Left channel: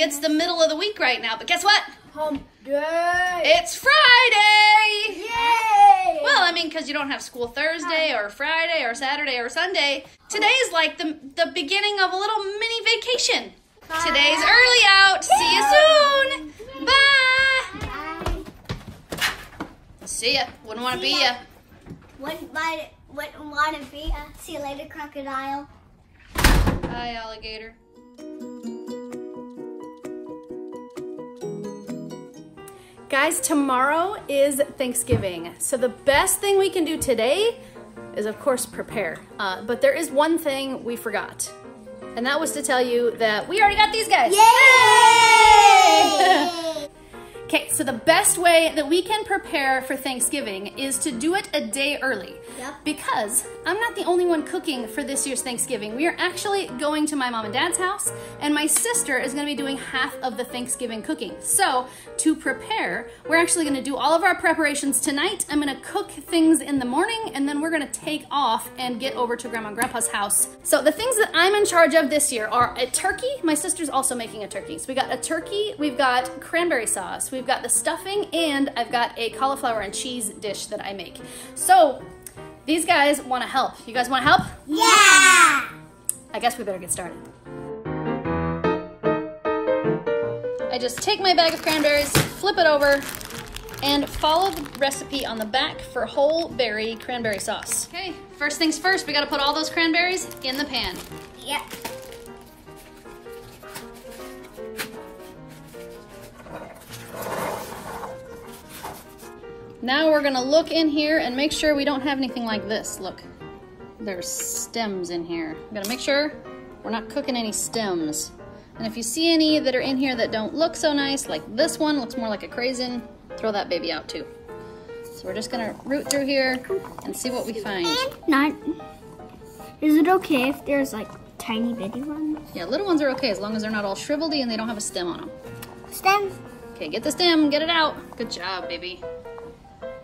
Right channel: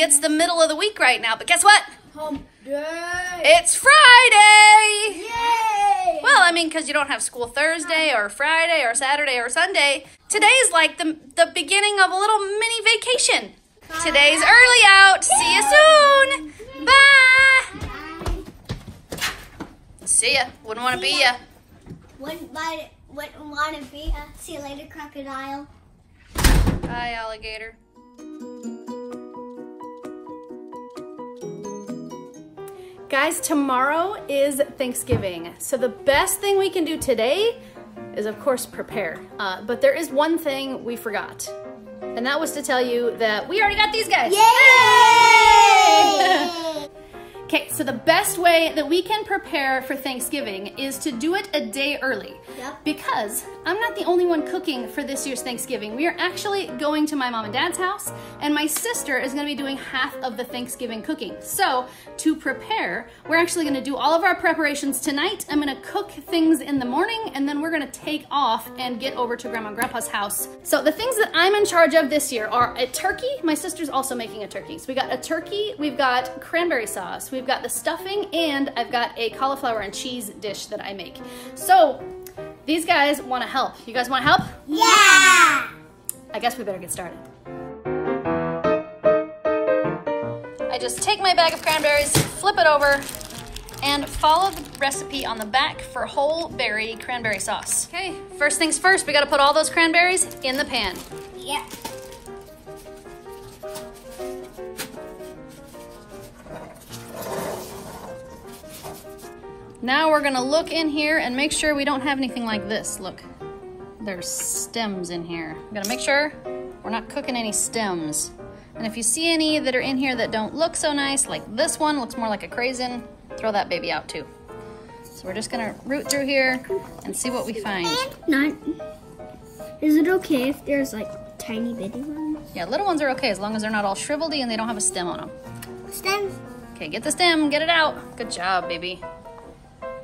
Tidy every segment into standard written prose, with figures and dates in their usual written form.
Technically, it's the middle of the week right now, but guess what? Hump day. It's Friday! Yay! Well, I mean, because you don't have school Thursday or Friday or Saturday or Sunday. Today is like the beginning of a little mini vacation. Today's early out. See you soon. Bye. See ya. Wouldn't want to be ya. Wouldn't want to be ya. See you later, crocodile. Bye, alligator. Guys, tomorrow is Thanksgiving. So the best thing we can do today is, of course, prepare. But there is one thing we forgot. And that was to tell you that we already got these guys. Yay! Okay, so the best way that we can prepare for Thanksgiving is to do it a day early. Yep. Because I'm not the only one cooking for this year's Thanksgiving. We are actually going to my mom and dad's house, and my sister is gonna be doing half of the Thanksgiving cooking. So to prepare, we're actually gonna do all of our preparations tonight. I'm gonna cook things in the morning, and then we're gonna take off and get over to Grandma and Grandpa's house. So the things that I'm in charge of this year are a turkey. My sister's also making a turkey. So we got a turkey, we've got cranberry sauce, we've got the stuffing, and I've got a cauliflower and cheese dish that I make. So these guys want to help. You guys want to help? Yeah! I guess we better get started. I just take my bag of cranberries, flip it over, and follow the recipe on the back for whole berry cranberry sauce. Okay, first things first, we got to put all those cranberries in the pan. Yep. Now we're gonna look in here and make sure we don't have anything like this. Look, there's stems in here. We gotta make sure we're not cooking any stems. And if you see any that are in here that don't look so nice, like this one looks more like a craisin, throw that baby out too. So we're just gonna root through here and see what we find. Is it okay if there's like tiny bitty ones? Yeah, little ones are okay as long as they're not all shriveledy and they don't have a stem on them. Stems. Okay, get the stem, get it out. Good job, baby.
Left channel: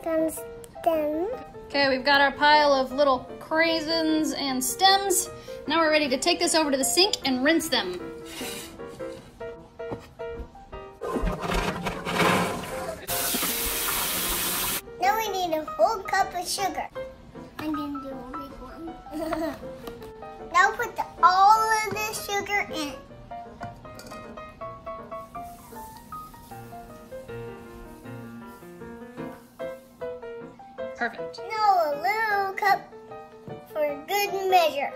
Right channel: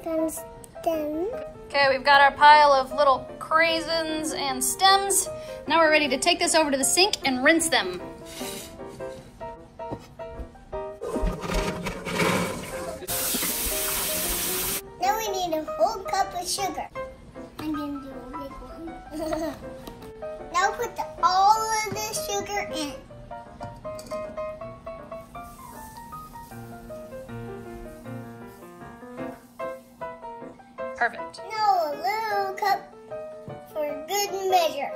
Stems. Okay, we've got our pile of little craisins and stems. Now we're ready to take this over to the sink and rinse them. Now we need a whole cup of sugar. I'm gonna do a big one. Now put all of the sugar in. Perfect. Now a little cup for good measure.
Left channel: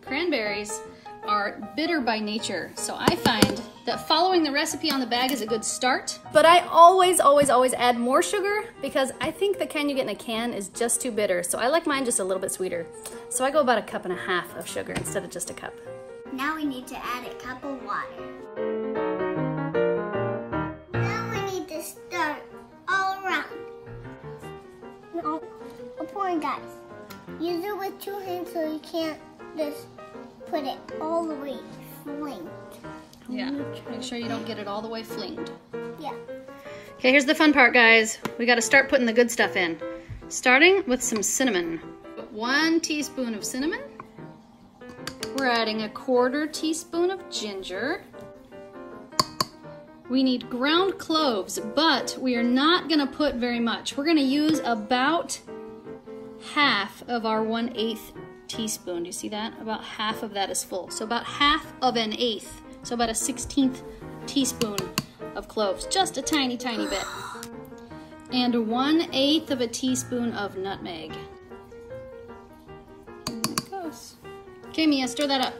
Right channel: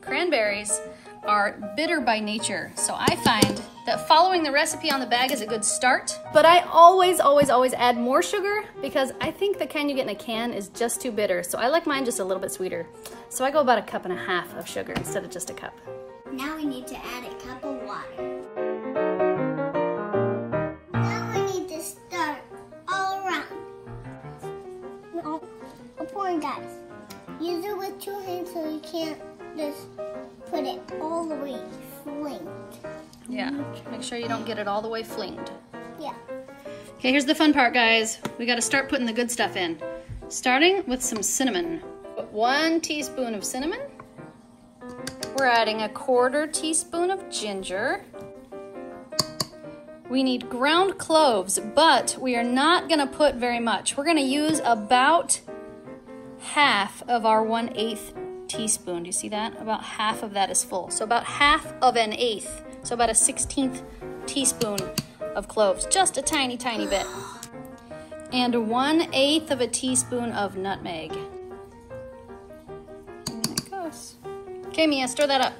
Cranberries are bitter by nature, so I find that following the recipe on the bag is a good start. But I always add more sugar because I think the kind you get in a can is just too bitter, so I like mine just a little bit sweeter. So I go about 1.5 cups of sugar instead of just a cup. Now we need to add a cup of water. Now we need to stir all around. No, I'm pouring, guys. Use it with 2 hands so you can't just put it all the way flinged. Yeah, make sure you don't get it all the way flinged. Yeah. Okay, here's the fun part, guys. We gotta start putting the good stuff in. Starting with some cinnamon. Put 1 teaspoon of cinnamon. We're adding a 1/4 teaspoon of ginger. We need ground cloves, but we are not gonna put very much. We're gonna use about half of our 1/8 teaspoon. Do you see that? About half of that is full. So about half of an eighth. So about a 1/16 teaspoon of cloves. Just a tiny, tiny bit. And 1/8 of a teaspoon of nutmeg. And there it goes. Okay, Mia, stir that up.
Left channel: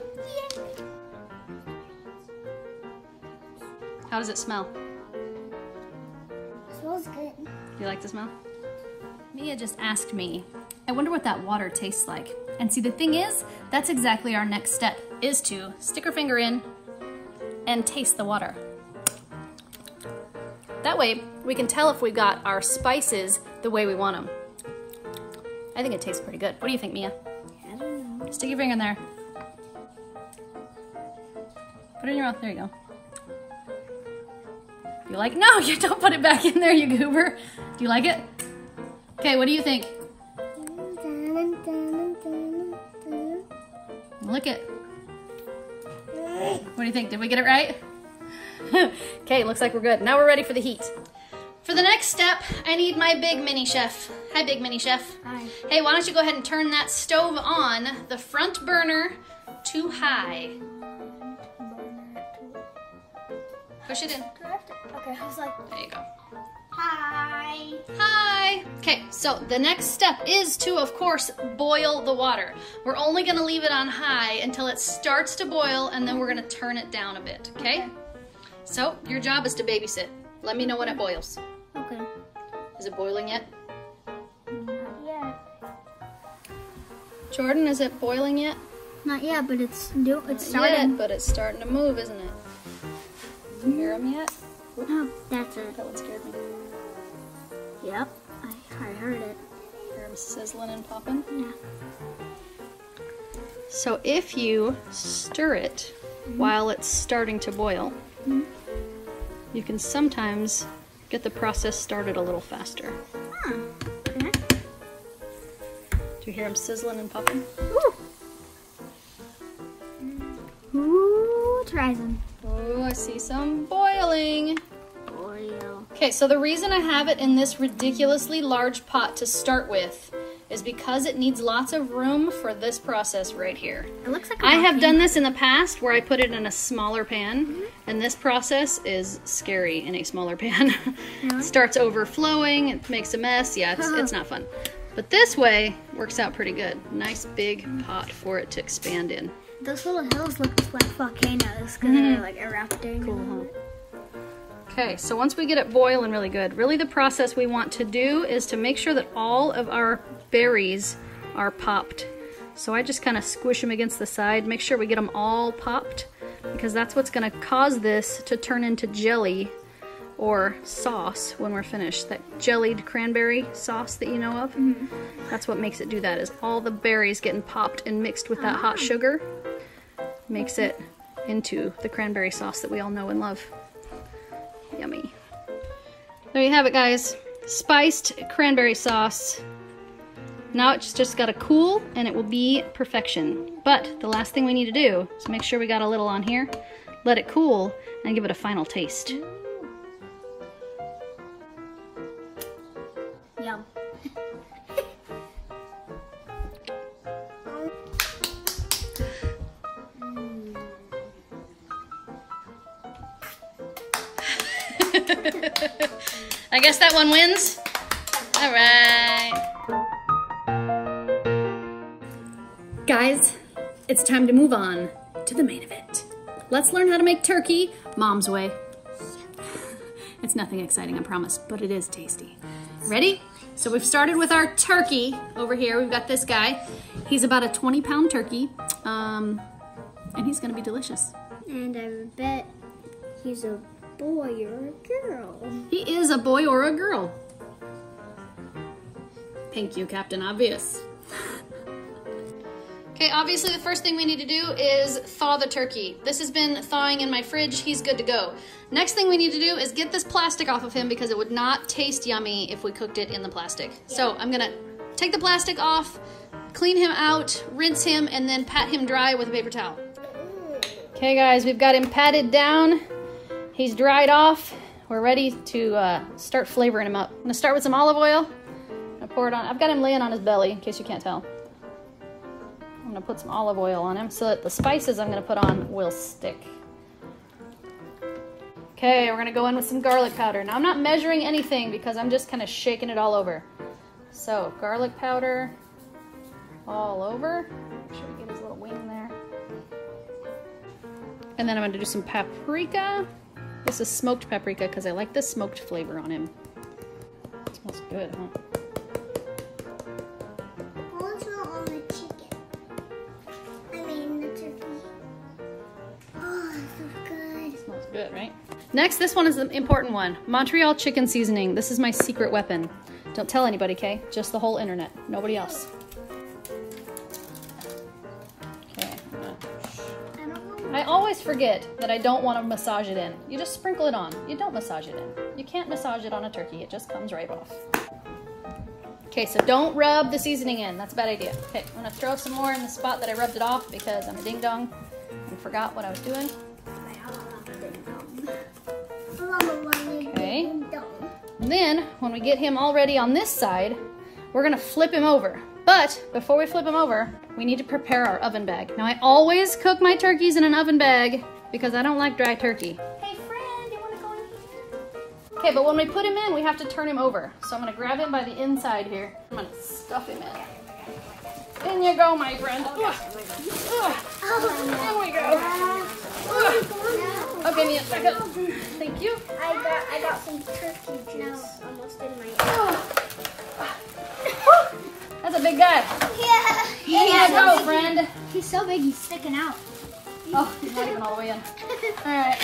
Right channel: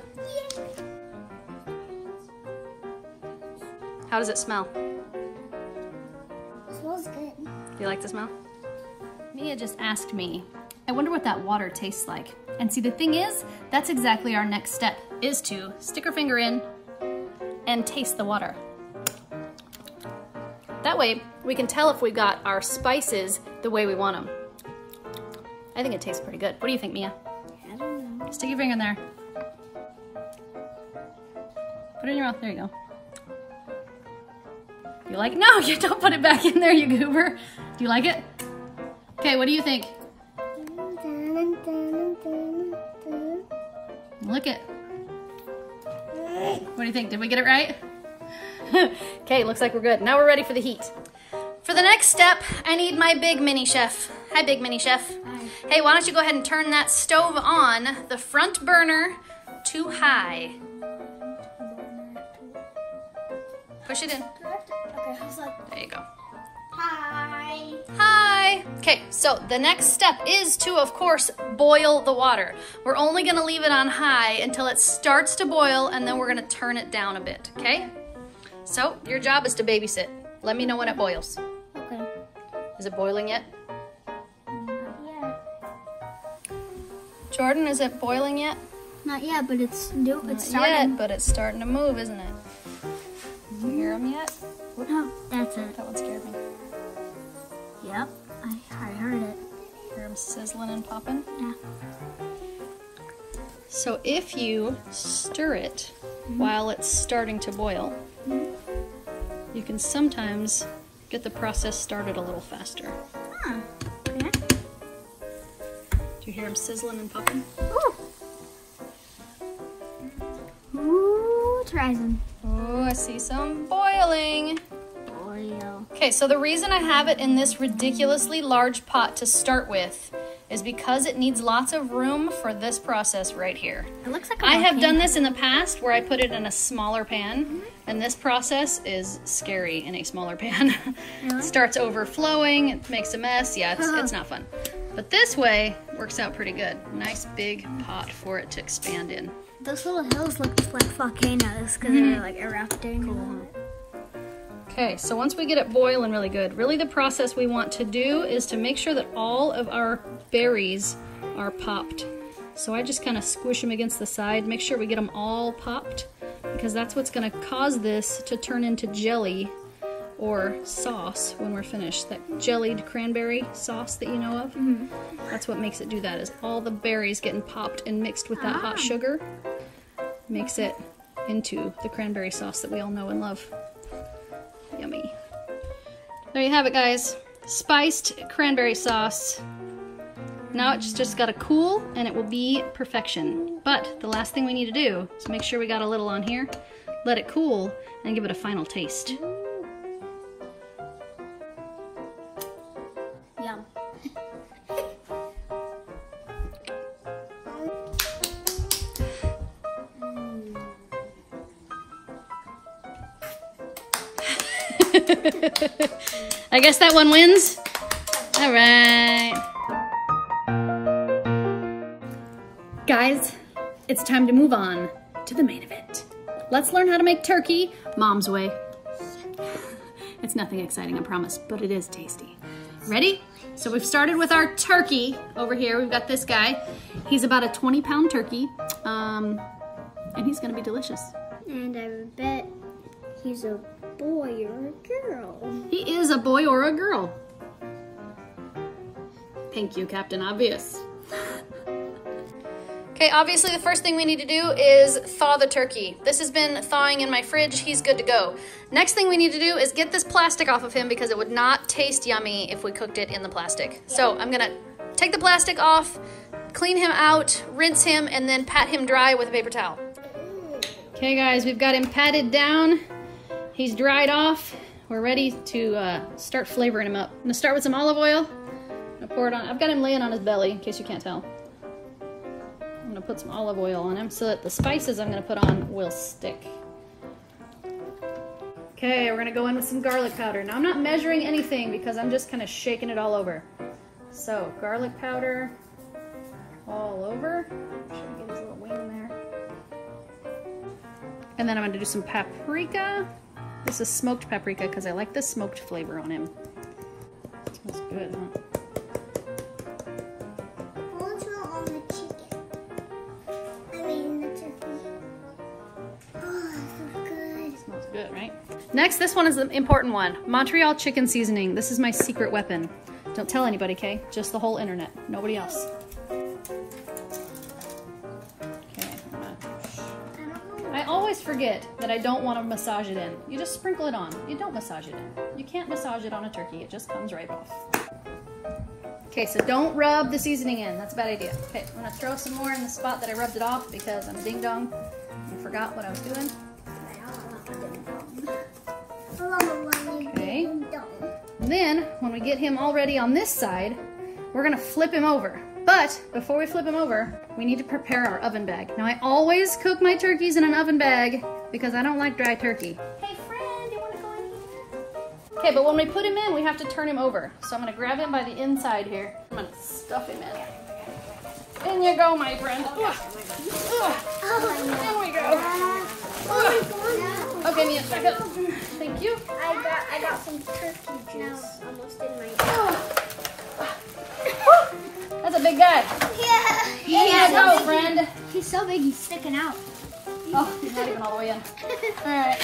How does it smell? Smells good. Do you like the smell? Mia just asked me, I wonder what that water tastes like. And see, the thing is, that's exactly our next step, is to stick our finger in and taste the water. That way, we can tell if we got our spices the way we want them. I think it tastes pretty good. What do you think, Mia? I don't know. Stick your finger in there. Put it in your mouth. There you go. You like it? No, you don't put it back in there, you goober. Do you like it? Okay, what do you think? Look it. What do you think? Did we get it right? Okay, looks like we're good. Now we're ready for the heat. For the next step, I need my big mini chef. Hi, big mini chef. Hi. Hey, why don't you go ahead and turn that stove on, the front burner to high. Push it in. Okay, I was like, There you go. hi. Hi. Okay, so the next step is to, of course, boil the water. We're only gonna leave it on high until it starts to boil, and then we're gonna turn it down a bit, okay? So your job is to babysit. Let me know when it boils. Okay. Is it boiling yet? Not yet. Jordan, is it boiling yet? Not yet, but it's new. Not yet, but it's starting to move, isn't it? Can you hear them yet? That's it. That one scared me. Yep, I heard it. Hear them sizzling and popping? Yeah. So if you stir it while it's starting to boil, you can sometimes get the process started a little faster. Okay. Do you hear them sizzling and popping? Ooh, try some. Oh, I see some boiling. Oil. Okay, so the reason I have it in this ridiculously large pot to start with is because it needs lots of room for this process right here. It looks like I have done this in the past where I put it in a smaller pan, and this process is scary in a smaller pan. It starts overflowing, it makes a mess. Yeah, it's not fun. But this way works out pretty good. Nice big pot for it to expand in. Those little hills look like volcanoes because they're like erupting. Cool, huh? Okay, so once we get it boiling really good, really the process we want to do is to make sure that all of our berries are popped. So I just kind of squish them against the side, make sure we get them all popped, because that's what's going to cause this to turn into jelly or sauce when we're finished. That jellied cranberry sauce that you know of, that's what makes it do that, is all the berries getting popped and mixed with that hot sugar makes it into the cranberry sauce that we all know and love. Yummy. There you have it, guys. Spiced cranberry sauce. Now it's just got to cool and it will be perfection. But the last thing we need to do is make sure we got a little on here, let it cool, and give it a final taste. Yum. I guess that one wins. All right. Guys, it's time to move on to the main event. Let's learn how to make turkey Mom's way. It's nothing exciting, I promise, but it is tasty. Ready? So we've started with our turkey over here. We've got this guy. He's about a 20-pound turkey, and he's gonna be delicious. And I bet he's a boy or a girl. He is a boy or a girl. Thank you, Captain Obvious. Okay, obviously the first thing we need to do is thaw the turkey. This has been thawing in my fridge. He's good to go. Next thing we need to do is get this plastic off of him because it would not taste yummy if we cooked it in the plastic. So I'm gonna take the plastic off, clean him out, rinse him, and then pat him dry with a paper towel. Okay guys, we've got him patted down. He's dried off. We're ready to start flavoring him up. I'm gonna start with some olive oil. I'm gonna pour it on. I've got him laying on his belly, in case you can't tell. I'm gonna put some olive oil on him so that the spices I'm gonna put on will stick. Okay, we're gonna go in with some garlic powder. Now I'm not measuring anything because I'm just kind of shaking it all over. So garlic powder all over. Make sure we get his little wing there. And then I'm gonna do some paprika. This is smoked paprika because I like the smoked flavor on him. It smells good, huh? Also on the chicken. I mean the turkey. Oh, that's so good. It smells good, right? Next, this one is the important one. Montreal chicken seasoning. This is my secret weapon. Don't tell anybody, okay? Just the whole internet. Nobody else. Okay, I always forget that I don't want to massage it in. You just sprinkle it on. You don't massage it in. You can't massage it on a turkey. It just comes right off. Okay, so don't rub the seasoning in. That's a bad idea. Okay, I'm gonna throw some more in the spot that I rubbed it off because I'm a ding dong and forgot what I was doing. Okay. And then when we get him already on this side, we're gonna flip him over. But before we flip him over, we need to prepare our oven bag. Now I always cook my turkeys in an oven bag because I don't like dry turkey. Hey friend, you wanna go in here? Okay, but when we put him in, we have to turn him over. So I'm gonna grab him by the inside here. I'm gonna stuff him in. In you go, my friend. Here we go. Okay, Mia, back up. Thank you. I got some turkey juice almost in my That's a big guy. Yeah. Here you go, friend. He's so big, he's sticking out. Oh, he's not even all the way in. All right.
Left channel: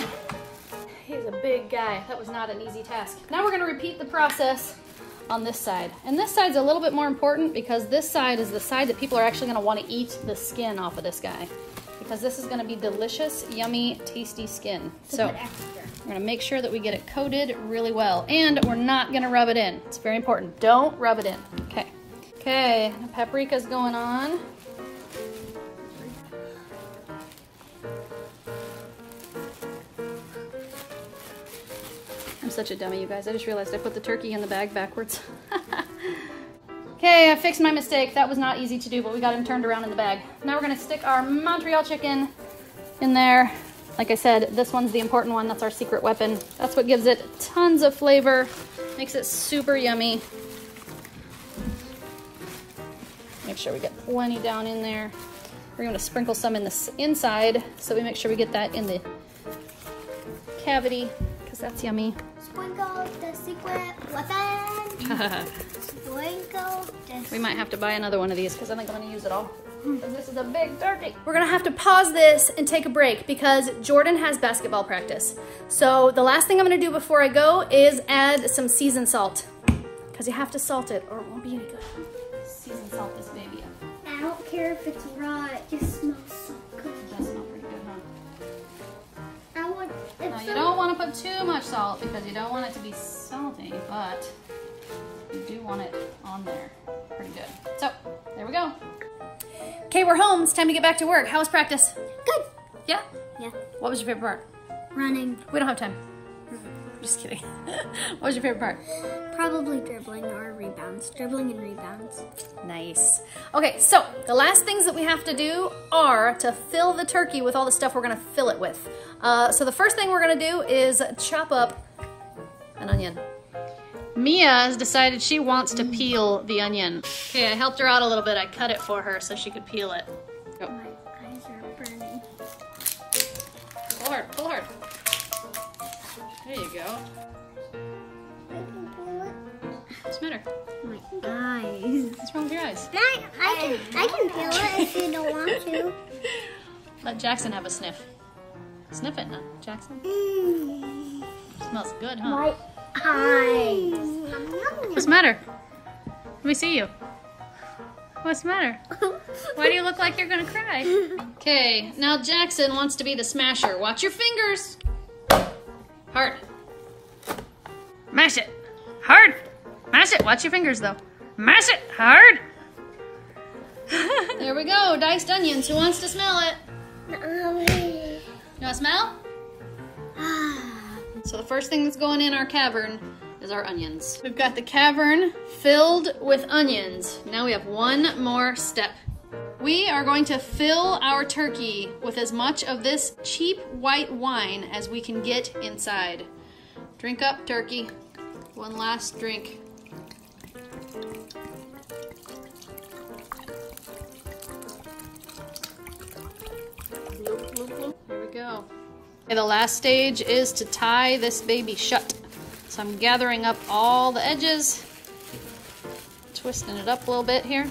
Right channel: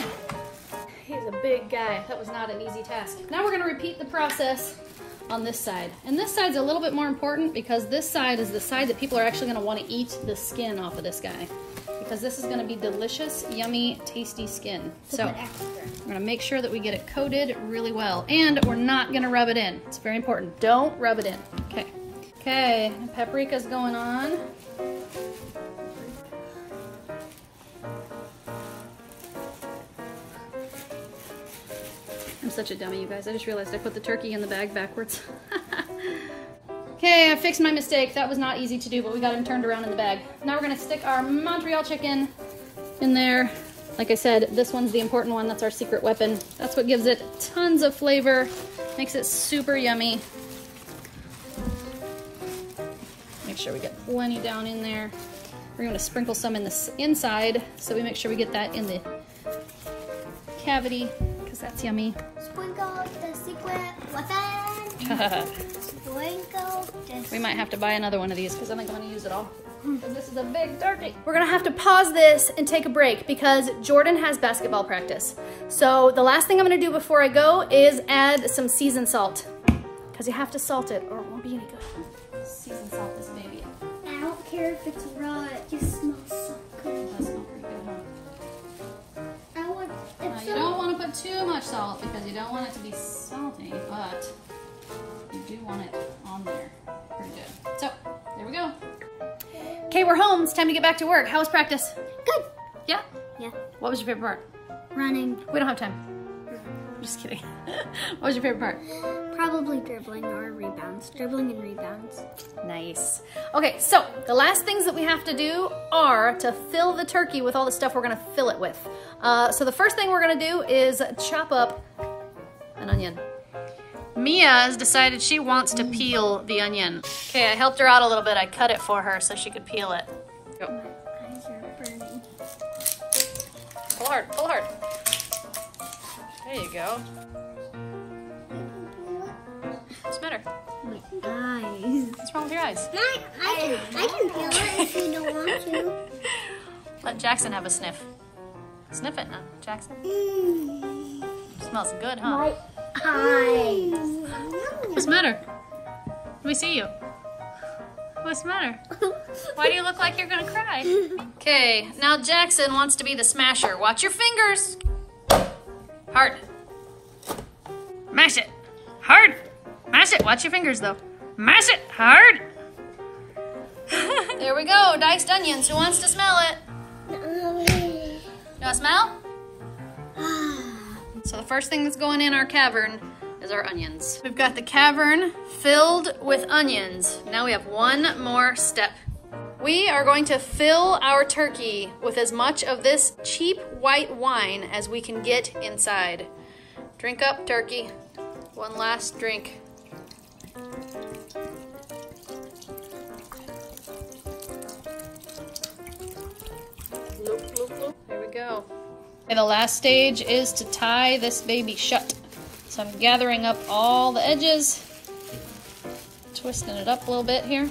He's a big guy. That was not an easy task. Now we're gonna repeat the process on this side. And this side's a little bit more important because this side is the side that people are actually gonna wanna eat the skin off of this guy. Because this is gonna be delicious, yummy, tasty skin. So we're gonna make sure that we get it coated really well. And we're not gonna rub it in. It's very important. Don't rub it in. Okay. Okay, paprika's going on. I'm such a dummy, you guys. I just realized I put the turkey in the bag backwards. Okay, I fixed my mistake. That was not easy to do, but we got him turned around in the bag. Now we're gonna stick our Montreal chicken in there. Like I said, this one's the important one. That's our secret weapon. That's what gives it tons of flavor, makes it super yummy. Make sure we get plenty down in there. We're gonna sprinkle some in the inside, so we make sure we get that in the cavity, because that's yummy. Sprinkle the secret weapon. Sprinkle this. We might have to buy another one of these because I think I'm gonna use it all. This is a big turkey. We're gonna have to pause this and take a break because Jordan has basketball practice. So the last thing I'm gonna do before I go is add some seasoned salt, because you have to salt it or it won't be any good. Seasoned salt this baby up. I don't care if it's raw, it just smells so good. It does smell pretty good, huh? I want, Now you don't want to put too much salt because you don't want it to be salty, but you do want it on there. Pretty good. So, there we go. Okay, we're home. It's time to get back to work. How was practice? Good. Yeah? Yeah. What was your favorite part? Running. We don't have time. Just kidding. What was your favorite part? Probably dribbling or rebounds. Dribbling and rebounds. Nice. Okay, so the last things that we have to do are to fill the turkey with all the stuff we're gonna fill it with. So the first thing we're gonna do is chop up an onion. Mia has decided she wants to peel the onion. Okay, I helped her out a little bit. I cut it for her so she could peel it. Go. My eyes are burning. Pull hard, pull hard. There you go. What's the matter? My eyes. What's wrong with your eyes? I can peel it if you don't want to. Let Jackson have a sniff. Sniff it now, Jackson. Smells good, huh? My eyes. What's the matter? Let me see you. What's the matter? Why do you look like you're gonna cry? Okay, now Jackson wants to be the smasher. Watch your fingers. Hard. Mash it. Hard. Mash it. Watch your fingers though. Mash it. Hard. There we go. Diced onions. Who wants to smell it? You want to smell? So the first thing that's going in our cavern is our onions. We've got the cavern filled with onions. Now we have one more step. We are going to fill our turkey with as much of this cheap white wine as we can get inside. Drink up, turkey. One last drink. There we go. And the last stage is to tie this baby shut. So I'm gathering up all the edges, twisting it up a little bit here.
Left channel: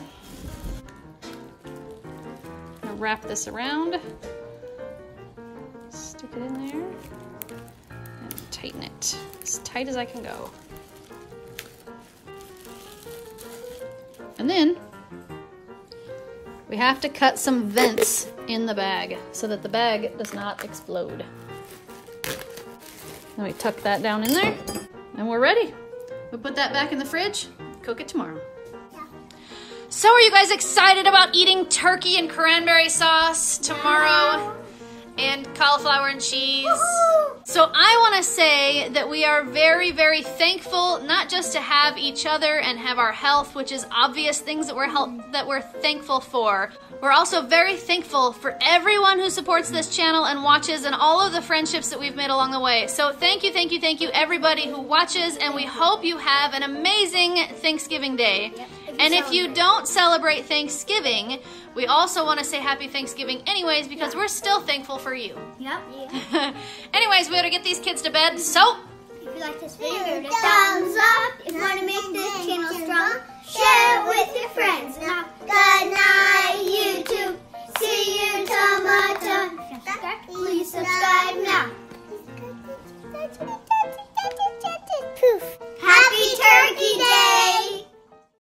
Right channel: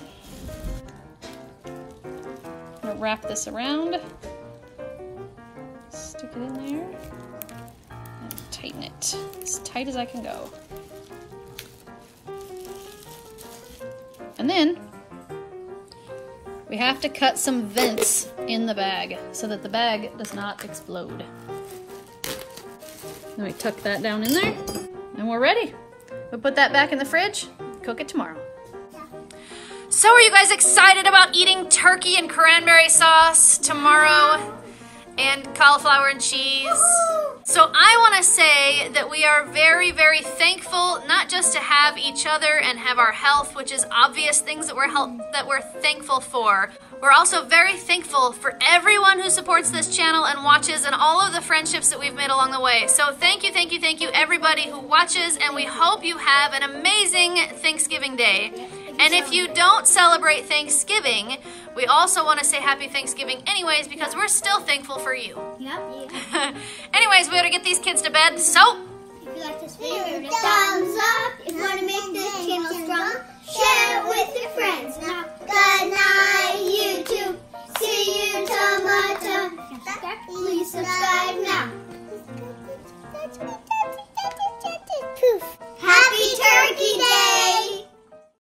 I'm gonna wrap this around, stick it in there, and tighten it as tight as I can go. And then we have to cut some vents in the bag so that the bag does not explode. Then we tuck that down in there and we're ready. We put that back in the fridge, cook it tomorrow. So are you guys excited about eating turkey and cranberry sauce tomorrow? And cauliflower and cheese? So I want to say that we are very, very thankful, not just to have each other and have our health, which is obvious things that we're thankful for. We're also very thankful for everyone who supports this channel and watches and all of the friendships that we've made along the way. So thank you, thank you, thank you everybody who watches, and we hope you have an amazing Thanksgiving Day. And if you don't celebrate Thanksgiving, we also want to say happy Thanksgiving anyways, because we're still thankful for you. Yep. Anyways, we gotta get these kids to bed, so If you like this video, thumbs up. If you want to make this channel strong, share it with your friends.